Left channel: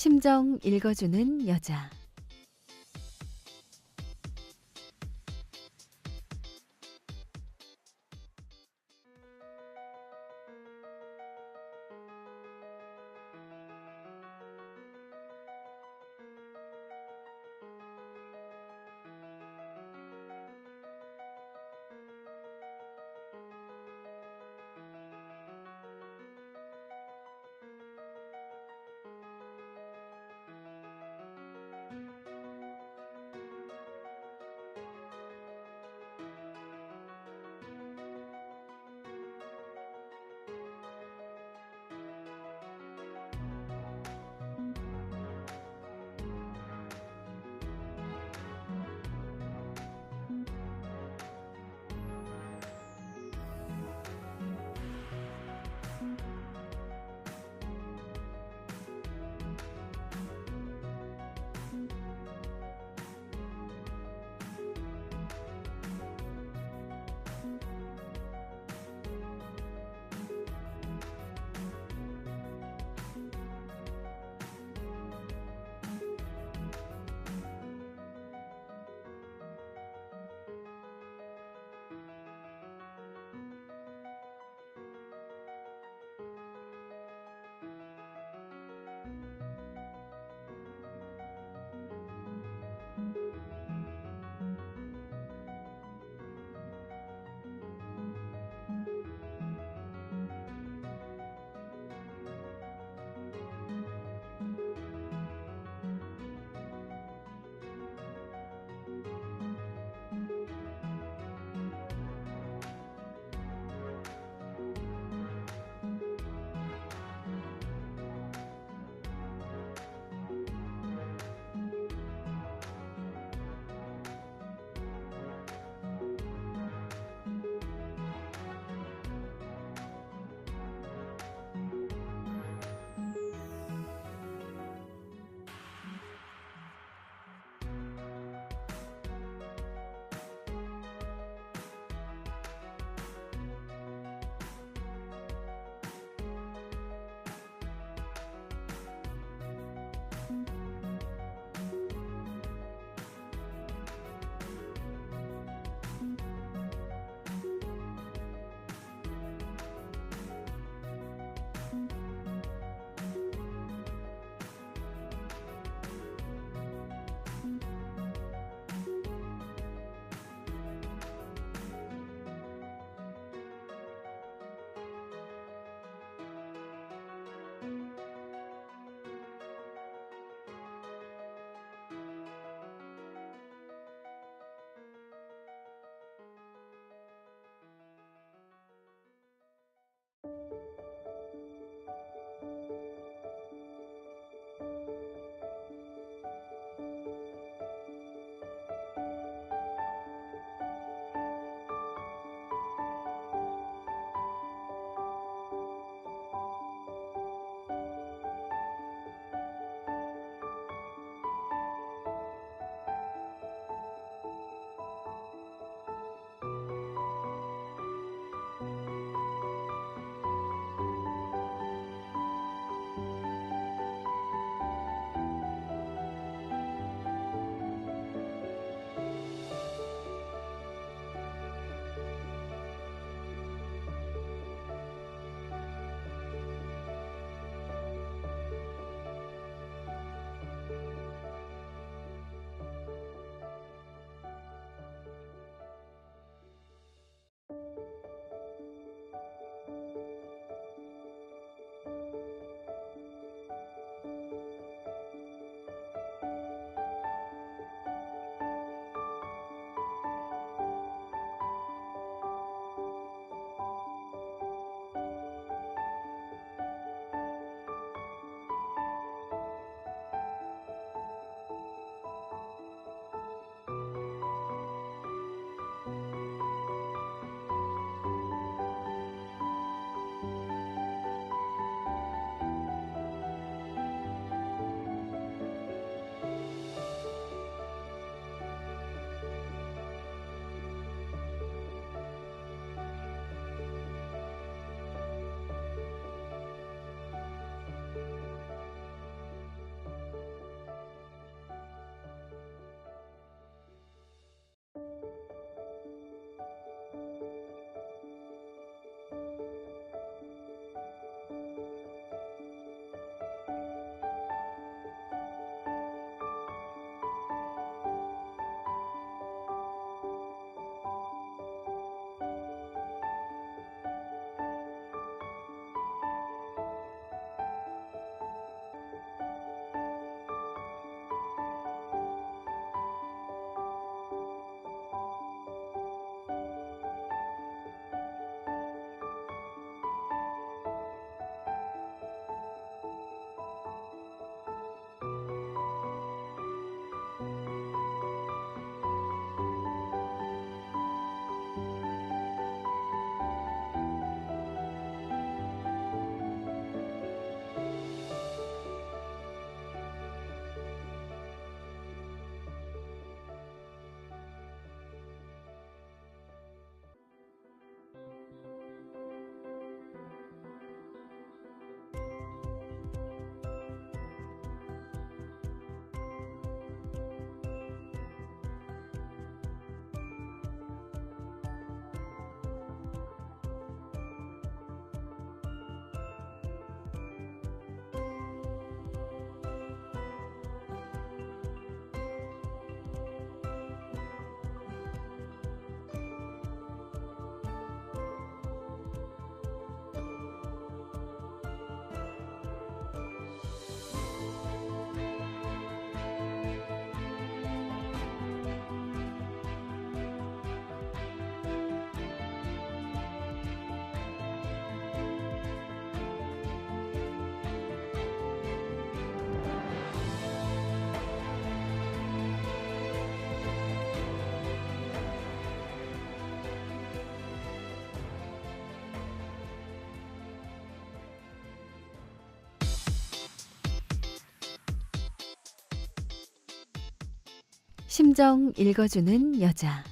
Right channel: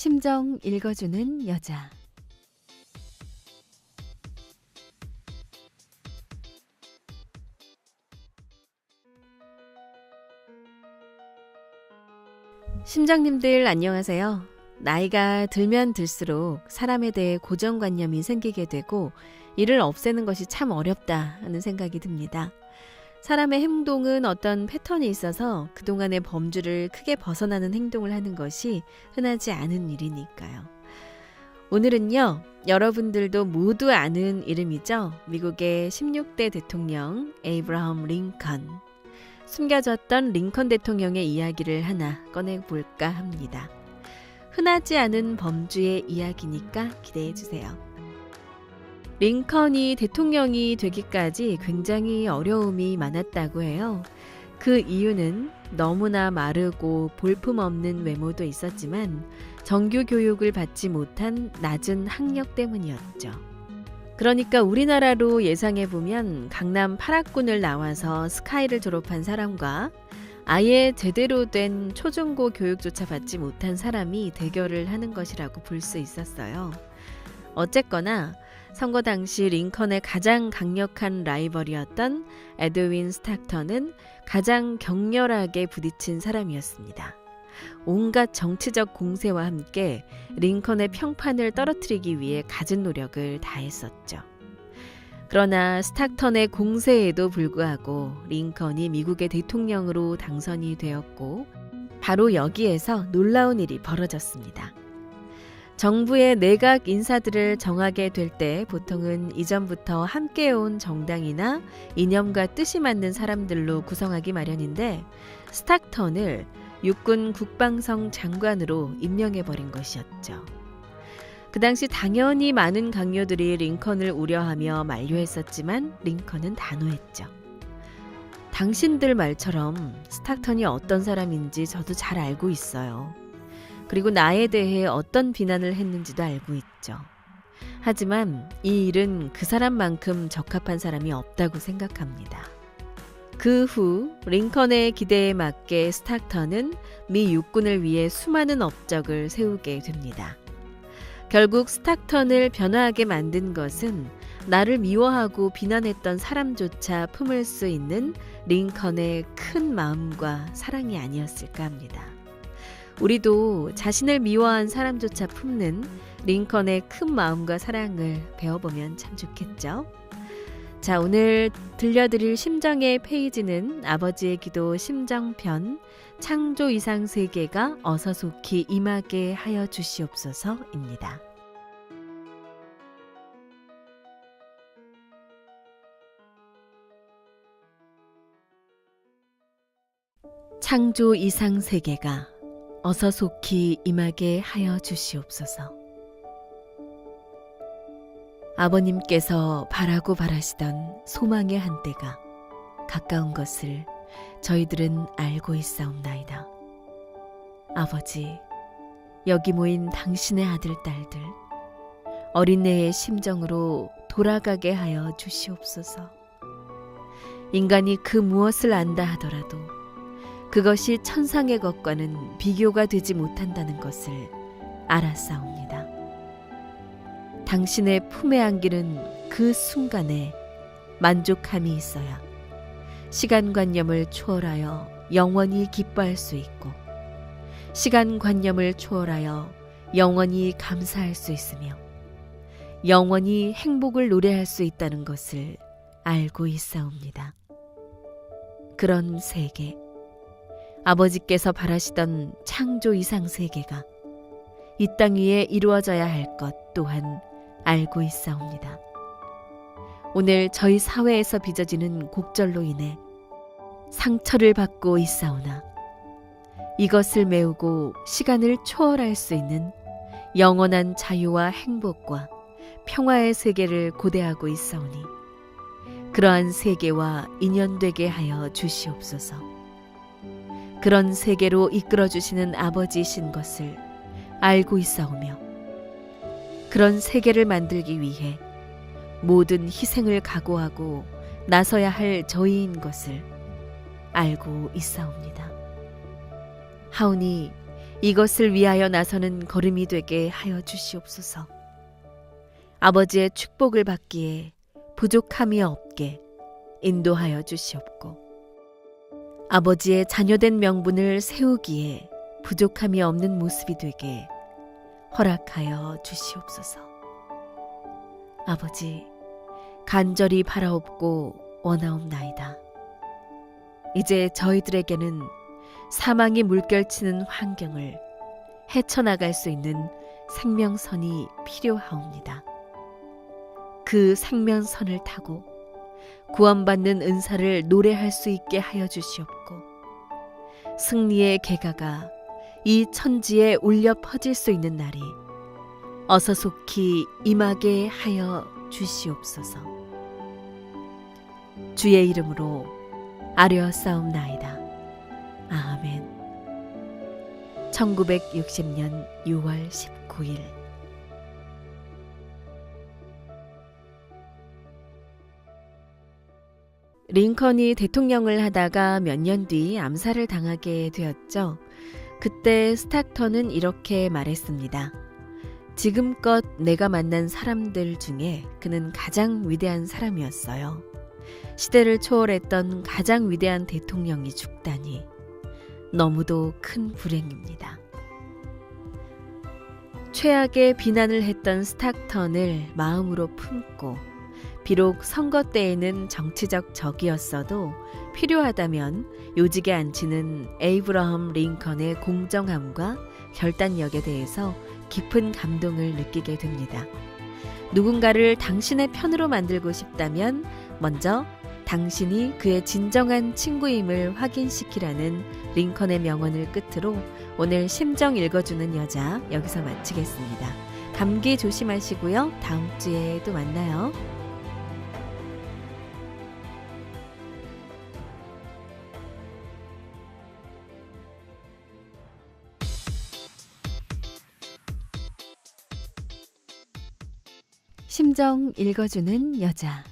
심정 읽어주는 여자. 심정님들 안녕하세요. 나이가 들면 들수록 사람에 대해 고정관념이 생기게 되고 이를 없애는 것이 참 어렵다 하는 생각이 듭니다. 사람의 행동은 어떤 패턴이 있어서 그동안의 범주를 크게 벗어나는 행동을 하는 것이 흔하지 않은 일이니까요. 오늘은요, 여러분들도 모두 아는 이름이죠. 미국의 16대 대통령 에이브라함 링컨. 숨겨졌던 링컨 대통령의 이야기를 하나 꺼내볼까 합니다. 흔하지 않은 범주의 이야기니까 기대해주세요. 링컨이 대통령이 되기까지 굉장히 어려움이 많았다고 해요. 그 이유는 너무나 마르고 볼품없는 외모도 있었지만 정규 교육을 받지 못한 낮은 학력 때문이었죠. 그러니까 우리나라로 예상해보면 강남 8학군을 나와서 스카이를 졸업한 사람과 아예 제대로 된 초중고 교육조차 받지 못한 사람이 대결을 하는 것이라고 볼 수 있었어요. 어쨌거나 선거 당시 링컨의 가장 강력한 라이벌이었던 에드윈 스탁턴은 가장 격렬하게 부딪힌 사람이었습니다. 온갖 정치적 공세와 함께 링컨의 평판을 떨어뜨리기 위해 갖은 노력을 다했었죠. 그러나 스탁턴의 공세에도 불구하고 링컨이 미국의 대통령으로 당선이 되었고 바로 여기에서 놀라운 일이 벌어졌습니다. 정부의 내각 인사들을 정하게 될 때 보통은 이전부터 함께해온 정당이나 이념과 뜻이 맞는 사람들로 구성하기 마련인데 스탁턴을 육군 국방성 장관으로 임명해버린 것이었죠. 그 당시 당연히 많은 강요들이 링컨을 우려하며 만류했었지만 링컨은 단호했죠. 당신들 말처럼 스탁턴이 어떤 사람인지 저도 잘 알고 있어요. 그리고 나에 대해 어떤 비난을 했는지도 알고 있죠. 하지만 이 일은 그 사람만큼 적합한 사람이 없다고 생각합니다. 그 후 링컨의 기대에 맞게 스탁턴은 미 육군을 위해 수많은 업적을 세우게 됩니다. 결국 스탁턴을 변화하게 만든 것은 나를 미워하고 비난했던 사람조차 품을 수 있는 링컨의 큰 마음과 사랑이 아니었을까 합니다. 우리도 자신을 미워한 사람조차 품는 링컨의 큰 마음과 사랑을 배워보면 참 좋겠죠. 자, 오늘 들려드릴 심정의 페이지는 아버지의 기도 심정편 창조 이상 세계가 어서 속히 임하게 하여 주시옵소서입니다. 창조 이상 세계가 어서 속히 임하게 하여 주시옵소서. 아버님께서 바라고 바라시던 소망의 한때가 가까운 것을 저희들은 알고 있사옵나이다. 아버지, 여기 모인 당신의 아들, 딸들, 어린애의 심정으로 돌아가게 하여 주시옵소서. 인간이 그 무엇을 안다 하더라도 그것이 천상의 것과는 비교가 되지 못한다는 것을 알았사옵니다. 당신의 품에 안기는 그 순간에 만족함이 있어야 시간관념을 초월하여 영원히 기뻐할 수 있고 시간관념을 초월하여 영원히 감사할 수 있으며 영원히 행복을 노래할 수 있다는 것을 알고 있사옵니다. 그런 세계, 아버지께서 바라시던 창조 이상 세계가 이 땅 위에 이루어져야 할 것 또한 알고 있사옵니다. 오늘 저희 사회에서 빚어지는 곡절로 인해 상처를 받고 있사오나 이것을 메우고 시간을 초월할 수 있는 영원한 자유와 행복과 평화의 세계를 고대하고 있사오니 그러한 세계와 인연되게 하여 주시옵소서. 그런 세계로 이끌어주시는 아버지이신 것을 알고 있사오며 그런 세계를 만들기 위해 모든 희생을 각오하고 나서야 할 저희인 것을 알고 있사옵니다. 하오니 이것을 위하여 나서는 걸음이 되게 하여 주시옵소서. 아버지의 축복을 받기에 부족함이 없게 인도하여 주시옵고, 아버지의 자녀된 명분을 세우기에 부족함이 없는 모습이 되게 허락하여 주시옵소서. 아버지, 간절히 바라옵고 원하옵나이다. 이제 저희들에게는 사망이 물결치는 환경을 헤쳐나갈 수 있는 생명선이 필요하옵니다. 그 생명선을 타고 구원받는 은사를 노래할 수 있게 하여 주시옵고, 승리의 계가가 이 천지에 울려 퍼질 수 있는 날이 어서 속히 임하게 하여 주시옵소서. 주의 이름으로 아뢰었사옵나이다. 아멘. 1960년 6월 19일. 링컨이 대통령을 하다가 몇 년 뒤 암살을 당하게 되었죠. 그때 스타턴은 이렇게 말했습니다. 지금껏 내가 만난 사람들 중에 그는 가장 위대한 사람이었어요. 시대를 초월했던 가장 위대한 대통령이 죽다니 너무도 큰 불행입니다. 최악의 비난을 했던 스타턴을 마음으로 품고, 비록 선거 때에는 정치적 적이었어도 필요하다면 요직에 앉히는 에이브러함 링컨의 공정함과 결단력에 대해서 깊은 감동을 느끼게 됩니다. 누군가를 당신의 편으로 만들고 싶다면 먼저 당신이 그의 진정한 친구임을 확인시키라는 링컨의 명언을 끝으로 오늘 심정 읽어주는 여자 여기서 마치겠습니다. 감기 조심하시고요. 다음 주에 또 만나요. 심정 읽어주는 여자.